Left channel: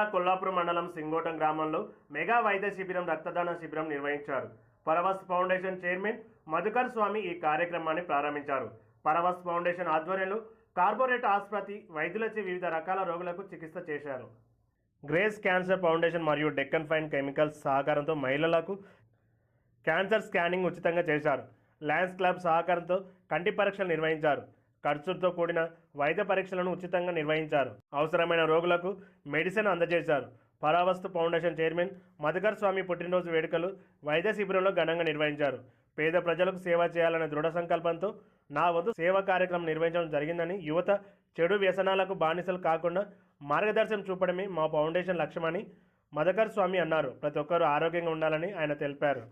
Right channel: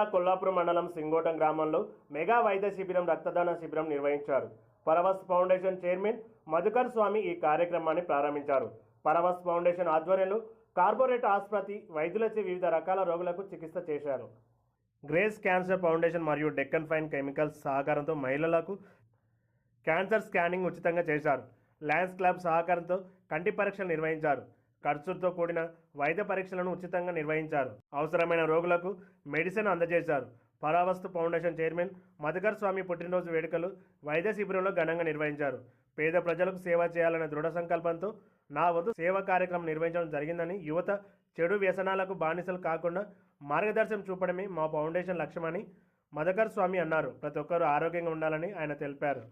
జిల్లా కొల్లాపూర్ మండలం సింగోటం గ్రామంలో మెగా వైద్య శిబిరం రక్తదాన శిబిరం నిర్వహించారు. పరవస్ ఫౌండేషన్ చైర్మన్ మధుకర్ స్వామి ఈ కార్యక్రమాన్ని ప్రారంభించారు. పరవస్ ఫౌండేషన్ ఆధ్వర్యంలో కార్పొరేట్ ఆసుపత్రి వైద్యులచే వివిధ రకాల రోగులకు చికిత్స చేశారు. గ్రేస్ క్యాన్సర్ ఫౌండేషన్ మరియు డెక్కన్ ఫైన్ కెమికల్స్ సహకారంతో మహిళలకు క్యాన్సర్ స్కానింగ్ ఉచితంగా చేశారు. లయన్స్ క్లబ్ సహకారంతో కంటి పరీక్షలు నిర్వహించారు. ఖర్చులతో కూడిన వైద్య పరీక్షలను ఉచితంగా నిర్వహించారు. అవసరమైన రోగులకు మెడిసిన్ అందజేశారు. పరావస్తు ఫౌండేషన్ చైర్మన్ మధుకర్ స్వామి పుట్టినరోజు వేడుకలు వైద్య శిబిరంలో ఘనంగా నిర్వహించారు. పేద ప్రజలకు సేవ చేయాలనే దృఢ సంకల్పంతో నా వంతు సేవా కార్యక్రమం నిర్వహించడం జరిగిందని, యువత చెడు వ్యసనాలకు బానిసలు కాకుండా మార్గదర్శనం చూపడమే మా ఫౌండేషన్ లక్ష్యమని మధుకర్ స్వామి అన్నారు. ప్రతి ఒక్కరూ ఆరోగ్యంగా ఉండాలని ఆయన తెలిపారు.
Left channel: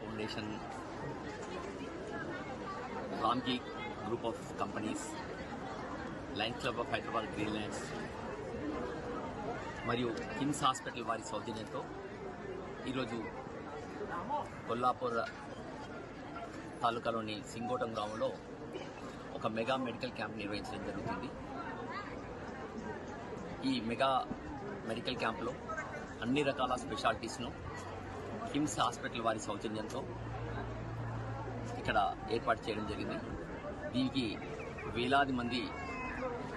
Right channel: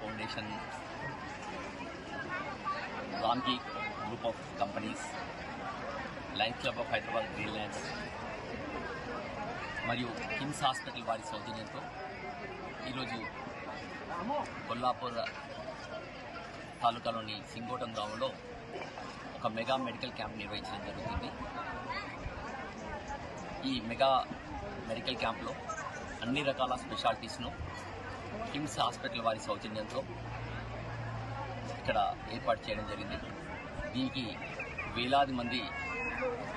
Foundation, Ramji group of companies, Lions club of Hyderabad Greenland's మరియు కిమ్స్ హాస్పిటల్ వారి సౌజన్యంతో ఈరోజు కొల్లాపూర్ తాలూకాలోని సింగోటం గ్రామంలో ఒక మెగా మెడికల్ క్యాంప్ నిర్వహించడం జరుగుతుంది. ఈ మెగా మెడికల్ క్యాంప్లో అన్ని రకాల స్పెషాలిటీస్ను కిమ్స్ హాస్పిటల్ వారి సౌజన్యంతో ఇక్కడ ఏర్పాటు చేయడం జరిగింది. దీనికి వేలాది మంది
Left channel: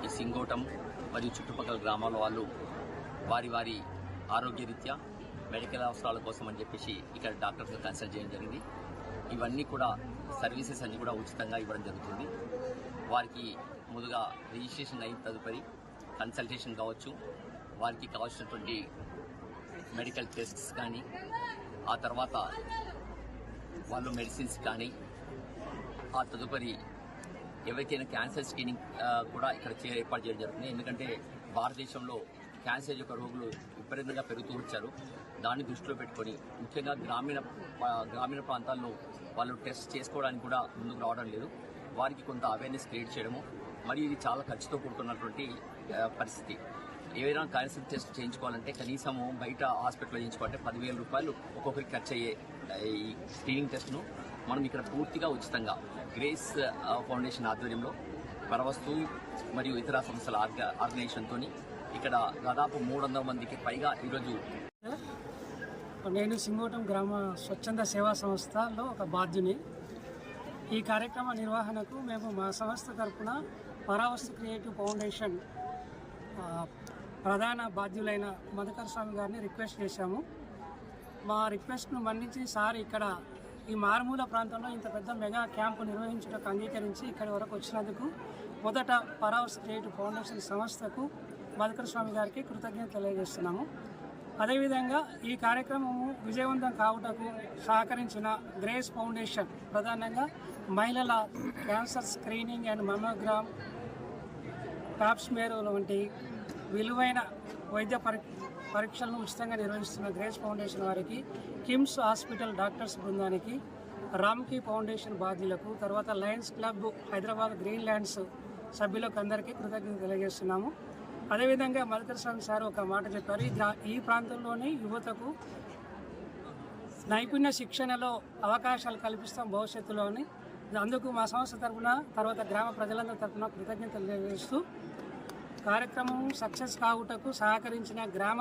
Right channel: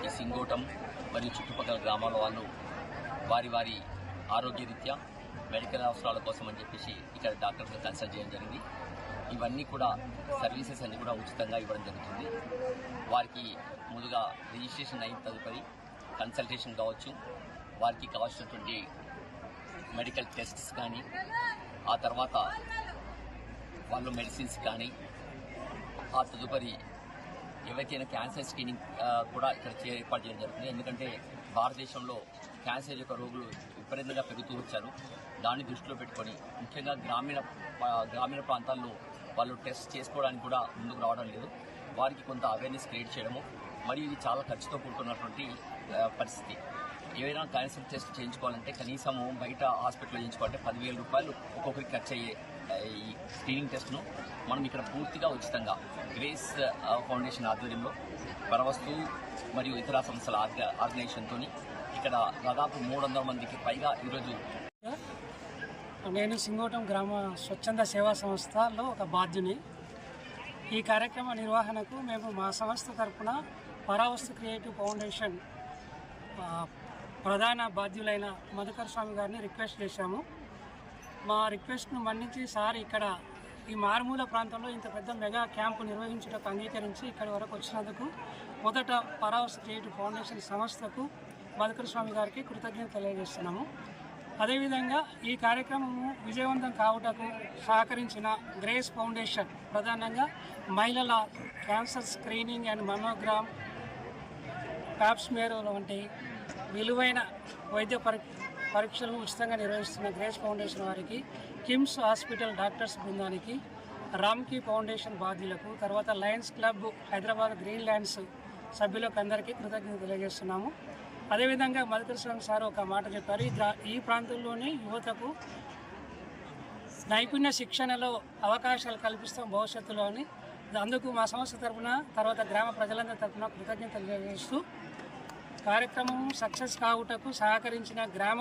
ఈ సింగోటం మరియు చుట్టుపక్కల గ్రామాల వాళ్ళు వారి వారి ఆరోగ్యరీత్యా మెడికల్ అవసరాల కోసం అని చెప్పేసి ఇక్కడ డాక్టర్స్ని కన్సల్ట్ చేయడం జరిగింది. ఇవన్నీ కూడా సర్వీసెస్ అన్ని కూడా ఉచితంగా ఇవ్వడం జరుగుతుంది. వారికి ముందుగా రిజిస్ట్రేషన్ అయిన తదుపరి కన్సల్టేషన్ కావచ్చు, వారికి కావాల్సినటువంటి మెడికల్ టెస్ట్స్ కానీ, ఆ తర్వాత వాళ్ళు మెడిసిన్స్ కానీ, ఆ తదుపరి ఎవరికైనా క్యాన్సర్ స్క్రీనింగ్ కూడా ఇక్కడ ఏర్పాటు చేయడం జరుగుతుంది. ఎందుకంటే భారతదేశంలో క్యాన్సర్ యొక్క రోగులు విపరీతంగా పెరుగుతూ వచ్చారు. దాన్ని దృష్టిలో పెట్టుకొని ముఖ్యంగా గ్రామీణ ప్రాంతాల్లో వాళ్ళు టెస్ట్ చేసుకోవడానికి కూడా ముందుకు రావడం లేదు. వారికి కొంత అవేర్నెస్ క్రియేట్ చేయడము, మరియు ఇది చాలా ఖర్చుతో కూడుకున్నటువంటి పరిస్థితి. ఏవైనా క్యాన్సర్ టెస్ట్ చేయించుకోవాలంటే కనీసము బయట హాస్పిటల్లో చేయించుకోవాలంటే 10,000 రూపాయలు ఒక్కొక్కరికి ఖర్చు అయ్యే ఈ స్క్రీనింగ్ టెస్ట్ను మనం ఇక్కడ పూర్తిగా ఉచితంగా గ్రేస్ ఫౌండేషన్ ఆధ్వర్యంలో పరవస్తు మరియు ఇతర సంస్థల ఆర్గనైజేషన్తో ఇక్కడ దాదాపు 300 మందికి పైగా ఈరోజు. నేను సింగోటం గ్రామ స్వచ్ఛంద సేవా సంస్థలో ఒక బాధ్యుని. ఈ కార్యక్రమ నిర్వహణకు మేము మా సంస్థ తరఫున పరావస్తు క్రియేటివ్ ఫౌండేషన్ ప్రధాన బాధ్యులైన మధుకర్ స్వామి గారిని రిక్వెస్ట్ చేశాము. మా రిక్వెస్ట్ను మన్నించి సార్ ఇక్కడ ఈ మారుమూల ప్రాంతంలో ఇంత పెద్ద మెగా క్యాంపు నిర్వహించడానికి అంగీకరించి ఇక్కడి వరకు వచ్చినందుకు మొదట పరావస్తు క్రియేటివ్ ఫౌండేషన్ సంస్థకు మధుకర్ స్వామి గారికి కృతజ్ఞత తెలియజేస్తున్నాము. అదేవిధంగా ఈ కార్యక్రమము విజయవంతం కావుటకు సహకరించిన గ్రేస్ ఫౌండేషన్, ప్రధానంగా మహిళల cancer screening and mammogram, Pap smear వంటి విలువైన వైద్య పరీక్షలను ఉచితంగా నిర్వహిస్తున్న గ్రేస్ ఫౌండేషన్ వారికి, కిమ్స్ హాస్పిటల్ డాక్టర్స్ బృందానికి, రామ్కీ ఫౌండేషన్ బాధ్యులకు, తర్వాత Lions club Hyderabad green lands సభ్యులకు అందరికీ కృతజ్ఞత తెలియజేస్తున్నాము. అదేవిధంగా మధుకర్ స్వామి సార్ ఒక మాట చెప్పారు, ఈ ప్రాంతంలోని యువతకు నైపుణ్య శిక్షణలో అవకాశాలు కల్పిస్తాం భవిష్యత్తులోని. అందుకు మా సంస్థ తరఫున, తర్వాత గ్రామ ప్రజలందరి తరఫున కృతజ్ఞతలు తెలియజేస్తూ కార్యక్రమం సక్సెస్ కావుటకు సహకరించిన గ్రామ